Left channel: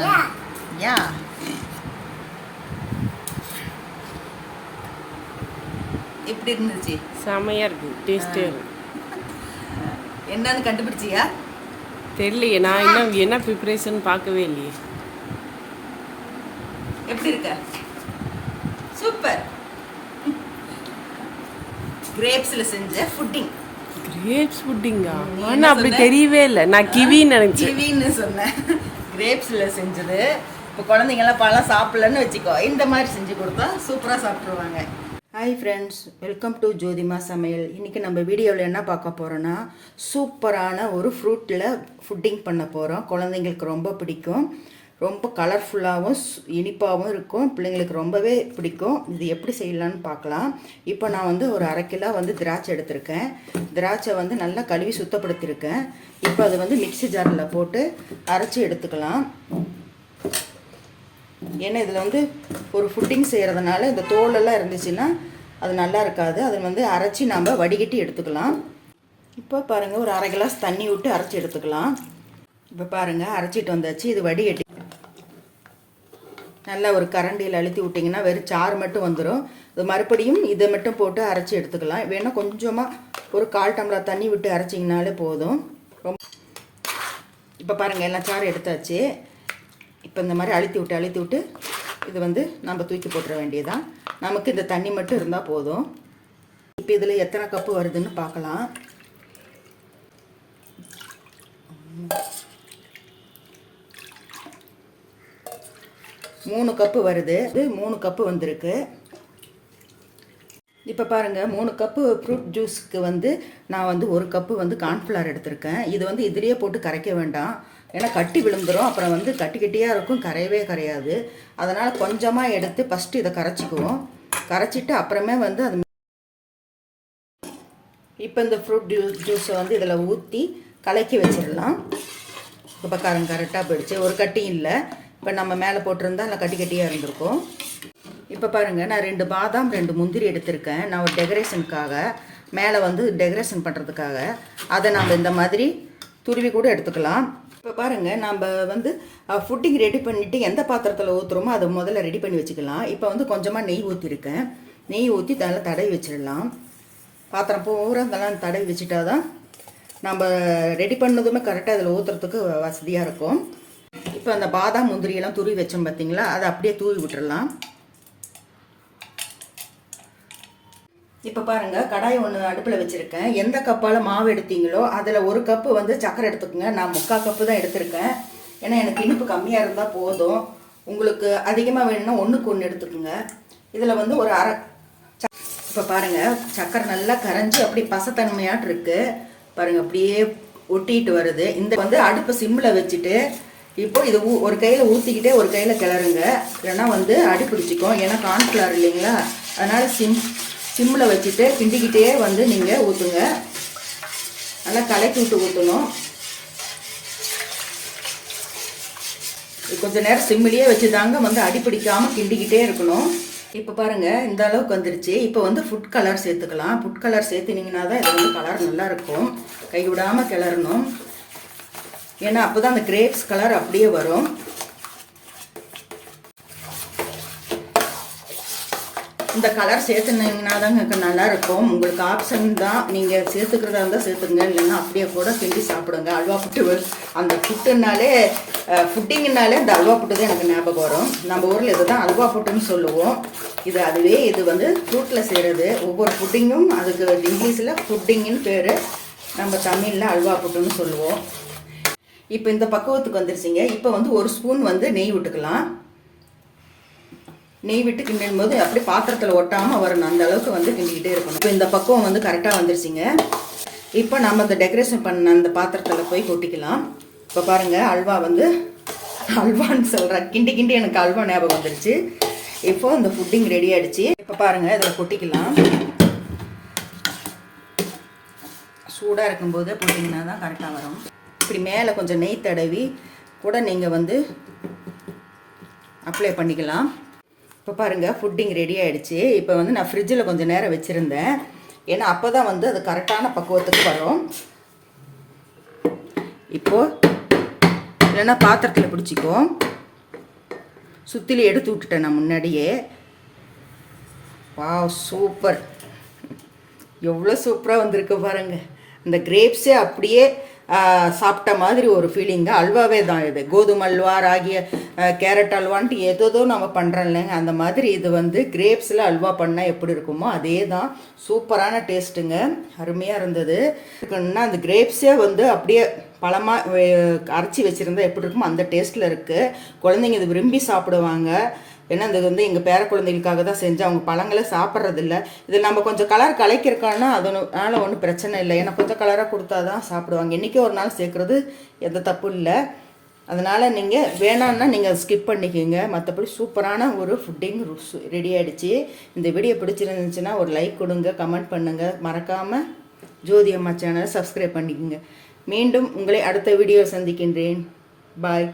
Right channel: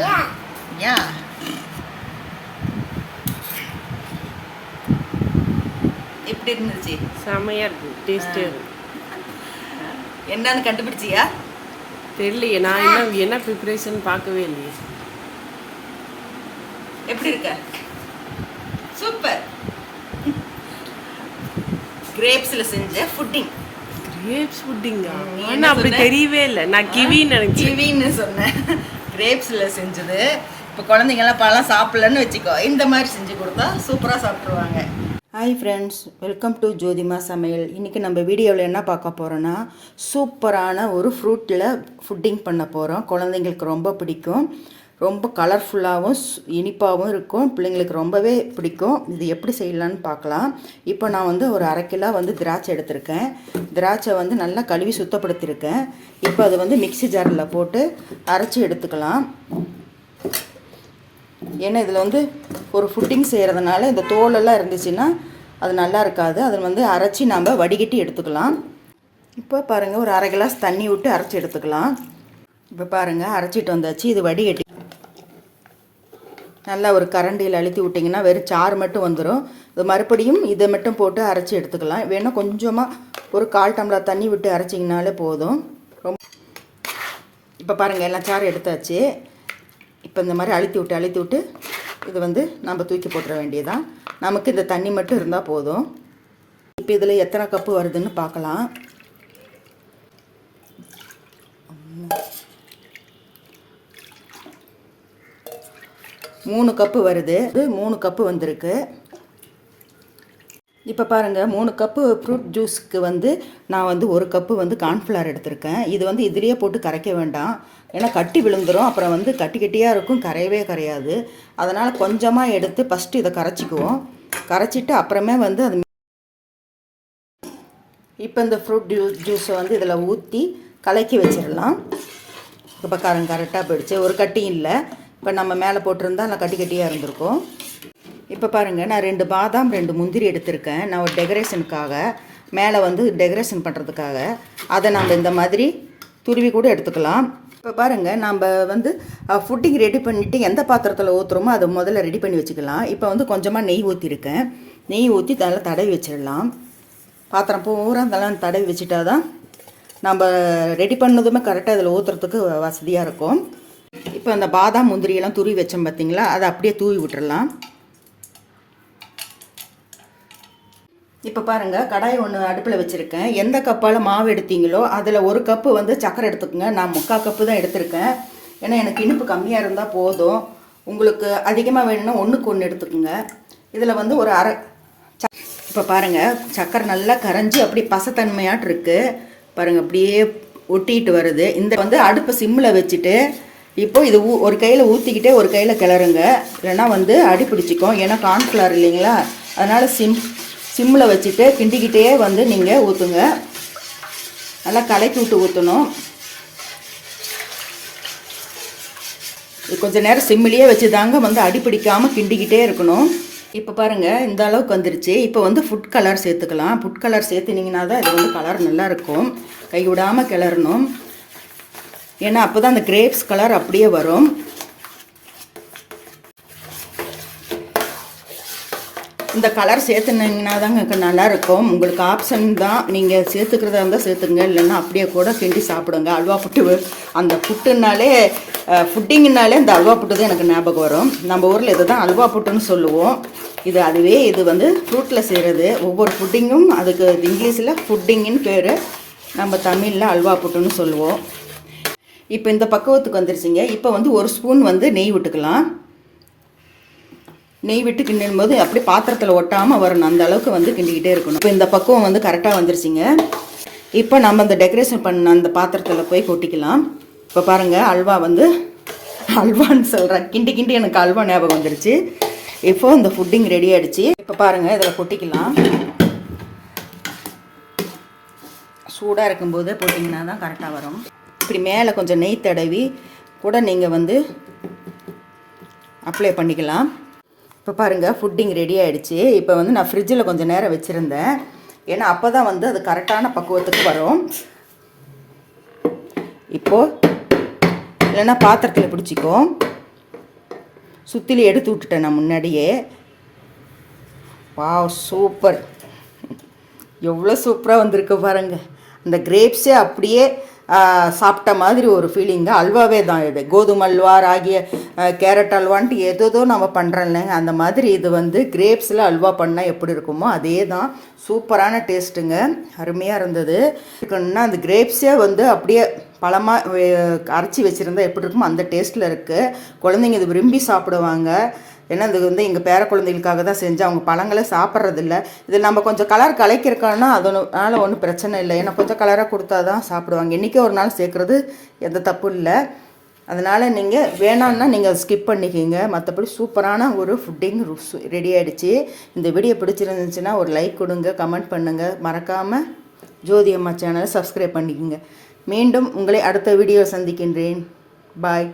யா எப்படி இருந்துச்சு? செமையாக இருக்குது, டேஸ்டியாக இருக்குது. என்னன்னு கண்டுபிடிச்சியா? தெரியலையே, நான் இன்னும் என்ன ப்ரிப்பரேஷன் பார்க்கவே இல்லையே. எப்படி இருக்க? சூப்பர். கிரேப்ஸில் செஞ்ச ஃபுட்டிங். கிரேப்ஸ் புட்டிங்கா? ஆனால் அப்படி தெரியவே இல்லை, நான் கிவின்னு நினச்சேன். கிவின்னு சொன்னேன். கிரேப்ஸில் செஞ்சது. இப்போ குழந்தைங்கெல்லாம் பழம் சாப்பிட்லன்னு வச்சுக்கோ, இந்த மாதிரி செஞ்சு கொடுத்தா சூப்பராக சாப்பிட்ருவாங்க. ஹாய் ஃப்ரெண்ட்ஸ், வெல்கம் டு ஜோதிமா சமையல். இன்றைக்கி நம்ம வீடியோவில் என்ன பார்க்க போகிறோன்னா, சூப்பரான ஒரு ஃப்ரூட்டில் ஃபுட்டிங் பண்ண போகிறோம். குழந்தைங்களுக்கு ரொம்ப பிடிக்கும். ரொம்ப கலர்ஃபுல்லாகவும் இனிப்பாகவும் இருக்கும். பிள்ளைங்களுக்கு ரொம்பவே பிடிக்கும். இது எப்படி செய்யலான்னு பார்க்கலாம். இப்போ நான் வந்து ஒரு 1/2 கிலோ வந்து திராட்சை எடுத்திருக்கேன். திராட்சை வந்து நல்லா கழுவி சுத்தப்படுத்தியிருக்கேன். இப்போ அது வந்து மிக்ஸி ஜாரில் போட்டு அரைச்சி எடுத்துக்கலாம். ஏன்னா இதில் வந்து ஒரு ஃபுட்டிங் செய்கிறதுனால இந்த தோலெல்லாம் இருந்துச்சுன்னா அது நல்லா இருக்காது. அதை வந்து அரைச்சி நம்ம வடிகட்டி எடுத்துக்கலாம். இப்போ பாருங்கள், ஒரு 1/2 கிளாஸ் தண்ணி விட்டு அரைச்சி எடுத்துக்கலாம். இப்போ பாருங்கள், அரைச்சிட்டு வந்தாச்சு. இது வடிகட்டி நல்லா ஒரு கரண்டியில் அழுத்தி விட்டிங்கன்னா வெறும் சாறு மட்டும் வந்துடும். இது மறுபடியும் இதை மட்டும் போட்டு அரைச்சி எடுத்துக்கலாம். வேணால் கொஞ்சமாக ஒரு 1/4 டம்ளர் தண்ணி விட்டு அரைச்சிங்கனாலே போதும். இப்போ பாருங்கள், எல்லாம் சாறு எடுத்தாச்சு. இப்போ இந்த மாதிரி அழுத்தி விட்டு இது வந்து நம்ம தூக்கி போட்டுற வேண்டியதான். நமக்கு இந்த தண்ணி மட்டும் இருந்தால் போதும். இப்போ இதில் எத்தனை கப்பு வருதுன்னு பார்க்கலாம். மூணு கப்பு வருது. இது 3 கப்பு வந்திருக்கு. இப்போ பாருங்கள், 3 கப்பு ஃப்ரூட் ஜூஸுக்கு வந்து நான் வந்து 1 கப்பு வந்து கார்ன்ஃப்ளவர் எடுத்திருக்கேன். இது வந்து இதிலேயே போட்டு கரைக்க வேண்டாம், ஏன்னா கட்டி விழுந்துடும். அப்புறம் வந்து கட்டியாக இருக்கும், கரையவே கரையாது. அதனால் கொஞ்சமாக எடுத்து ஃபஸ்ட்டு இதை கரைச்சிக்குவோம். கரைச்சிட்டு அப்புறமே வந்து அது இப்போ இந்த ஃப்ரூட் ஜூஸை வந்து இதில் ஊற்றி கலக்கி வச்சிடலாம். இப்போ கரெக்டாக போயிடுச்சு, ஒரு கட்டியும் இல்லை. இப்போ நம்ம மேலே போட்டிருந்தா நல்லா கட்டியாக இருந்திருக்கும். இப்போ பாருங்கள், நான் 2 பாதாம் 2 முந்திரி எடுத்திருக்கேன். நான் ஒரு டெக்கரேஷனுக்காக, மேலே வந்து டெக்கரேஷன் பண்ணுறதுக்காக. அதை நாம் இந்த மாதிரி துருவி கூட எடுத்துக்கலாம். இப்போ பாருங்கள், நம்ம வந்து ஃபுட்டிங் ரெடி பண்ணிவிட்டு எந்த பாத்திரத்தில் ஊற்றுறோமோ அதை முதல்ல ரெடி பண்ணி வச்சுக்கலாம். இப்போ வந்து கொஞ்சமாக நெய் ஊற்றிருக்கேன். நெய் ஊற்றி நல்லா தடவி வச்சிடலாம். பாத்திரம் பூரா இதெல்லாம் தடவி வச்சுட்டா தான் நம்ம ரெடி பண்ணதுமே கரெக்டாக இதில் ஊற்றுறதுக்கு வசதியாக இருக்கும். இப்போ அந்த பாதாம் முந்திரியெல்லாம் துருவி வச்சோம் பார்த்தீங்களா, அதை அப்படியே தூவி விட்டுறலாம். இப்போ பாருங்கள், கடாய் ஒன்று அடுப்பில் வச்சுருக்கேன். எந்த கப்பால் மாவு எடுத்தீங்களோ அதில் 1 கப்பு வந்து சர்க்கரை எடுத்துக்கோங்க. நான் 3/4 கப்பு தான் எடுத்திருக்கேன். ஏன்னா எனக்கு இனிப்பு கம்மியாக இருந்தால் போதும். உங்களுக்கு அதிகமாக வேணும்னா 1க்கு 1 எடுத்துக்கோங்க. இதில் வந்து ஒரு இப்போ பாருங்கள், சர்க்கரை நல்லா கரைஞ்சி அப்படி பசத்தன்மையாட்டு இருக்குது. பாருங்கள், அப்படியே ஒட்டிகிட்டு வருது. இந்த வந்து அடுப்பை சிம்மில் வச்சுட்டு இப்போ இது ஒரு கையில் ஊற்றிக்கிட்டே ஒரு கையில் கிளறுங்க, இல்லைன்னா வந்து அடி பிடிச்சிக்கும். ஏன்னா கார்ன்ஃப்ளவர் இல்லைங்களா, அதனால் சிம்மில் வச்சுட்டு கிண்டிக்கிட்டே வந்து நீங்கள் ஊற்றுங்க. நல்லா கலக்கி விட்டு ஊற்றணும். இது கொஞ்சம் நேரம் சிம்மிலேயே வச்சு தாங்க வந்து அடி பிடிக்காமல் கிண்டிக்கிட்டே இருக்கணும். இப்போ பாருங்கள், இந்த அளவுக்கு வந்துருச்சு. இப்போ வந்து ஃபுட் கலர் சேர்த்துக்கலாம். ஃபுட் கலர் சேர்த்துனீங்கன்னா தான் இது வந்து கலர் நல்லாயிருக்கும். கை விடாமல் கிளறணும், ஏன்னா அப்போ தான் அந்த கிரேப்ஸ் கலர் அப்படியே வரும். இந்த கலர் சேர்த்துனீங்கன்னா தாங்க நல்லாயிருக்கும். உங்களுக்கு ஆப்ஷன் தான், நீங்கள் சேர்த்துக்கிறதா இருந்தால் சேர்த்துங்க, இல்லைன்னா அப்படியே கூட கிண்டி சாப்பிடுங்க. அல்வா புட்டு, அந்த புட்டுனாலே ஃபுட்டிங்கனாலே இந்த அல்வா புட்டு தான் எனக்கு ஞாபகம் வரும். நம்ம ஊரில் இது தான் அல்வா புட்டுன்னு சொல்லுவோம். இது வந்து ஃப்ரூட்டில் செய்கிறது. ஒவ்வொரு ஃபுட்டிங்கும் அதுக்கு இங்கிலீஷில் ஃபுட்டிங்குன்னு பேர், நம்ம தமிழில் அல்வா புட்டுன்னு சொல்லுவோம். இப்போ இந்த பக்குவத்துக்கு வந்துருச்சுங்க. இப்போ வந்து 1 ஸ்பூன் வந்து நெய் விட்டுக்கலாம். நெய் விட்டு கிண்டும் போது அப்படியே பாத்திரத்தில் ஒட்டாமல் வரணும், அந்த அளவுக்கு வந்து கிண்டிக்கிட்டே இருக்கணும். இப்போ இந்த பக்குவம் வந்து கரெக்டாக வந்துருச்சுங்க. இப்போ நம்ம இந்த டெக்கரேஷன் பண்ண அந்த பாத்திரத்தில் போய் கொட்டிக்கலாம். இப்போ பாருங்கள், அல்வான்னு சொல்கிறேன், கிண்டி எனக்கு அல்வா ஞாபகம் வந்துருச்சு. இப்போ இந்த ஃபுட்டிங் ரெடி ஆகிடுச்சு. இப்போ பாருங்கள், இதில் கொட்டிக்கலாம். சூடாக இருக்கும்போது போட்டிங்கன்னா தான் கரெக்டாக வரும். இப்படி மேலே கொஞ்சம் நெய் தடவி கூட நீங்கள் வந்து அப்ளை பண்ணிக்கலாம். இப்போ பாருங்கள், ஃபுட்டிங் ரெடி ஆகிடுச்சு. இப்போ வந்து நான் ஃப்ரிட்ஜில் கொஞ்சம் நேரம் வச்சுருந்தேன், ஏன்னா அப்போ தான் வந்து அது கரெக்டான பக்குவத்துக்கு வரும். இப்போது இல்லைன்னா பாத்திரத்தில் பிடிச்சிக்கும். சுத்திலி எடுத்து விட்டுட்டேன் நான் முன்னாடியே. Wow, super! எவ்வளோ சூப்பராக வந்திருக்கு பாருங்கள். அந்த கிரேப்ஸே அப்படியே சாப்பிட்ட மாதிரி ஒரு ஃபீலிங்க. அல்வாவே தான் இது. கோதுமை அல்வா, ராகி, கேரட் அல்வான்ட்டு ஏதோ நம்ம பண்ணுறோம் இல்லைங்க, அந்த மாதிரி இது வந்து கிரேப்ஸில் அல்வா பண்ணால் எப்படி இருக்குமோ அதே தான். சூப்பரான டேஸ்ட்டுங்க, அருமையாக இருந்தது. இருக்குன்னா அந்த கிரேப்ஸே வந்து அப்படியே பழமாக அரைச்சி வச்சுருந்தா எப்படி இருக்குமோ அந்த டேஸ்ட்டில் இருக்குது. குழந்தைங்க இது விரும்பி சாப்பிடுவாங்க. ஏன்னா இது வந்து எங்கள் பேர குழந்தைகளுக்காக தான் செஞ்சு, அவங்க பழங்களை சாப்பிட்றதில்ல. இதில் நம்ம கொஞ்சம் கலர் கலக்கிருக்கோன்னா அதனால ஒன்றும் பிரச்சனை இல்லை. ஏன்னா கொஞ்சம் கலராக கொடுத்தா தான் சாப்பிடுவாங்க. இன்றைக்கே ஒரு நாள் சேர்க்குறது எந்த தப்பும் இல்லை. அதனால் நீங்கள் வேணான்னா நீங்கள் ஸ்கிப் பண்ணிக்கிங்க. மற்றபடி சூப்பரான ஒரு ஃபுட்டிங் ரெடி ஆகிடுச்சு. இந்த வீடியோ பிடிச்சிருந்துச்சுன்னா ஒரு லைக் கொடுங்க, கமெண்ட் பண்ணுங்கள். மறக்காமல் ஜோதி அம்மா சேனலை சப்ஸ்கிரைப் பண்ணிக்கோங்க. மீண்டும் உங்களை அடுத்த வீடியோ சந்திக்கின்றேன். பாய்.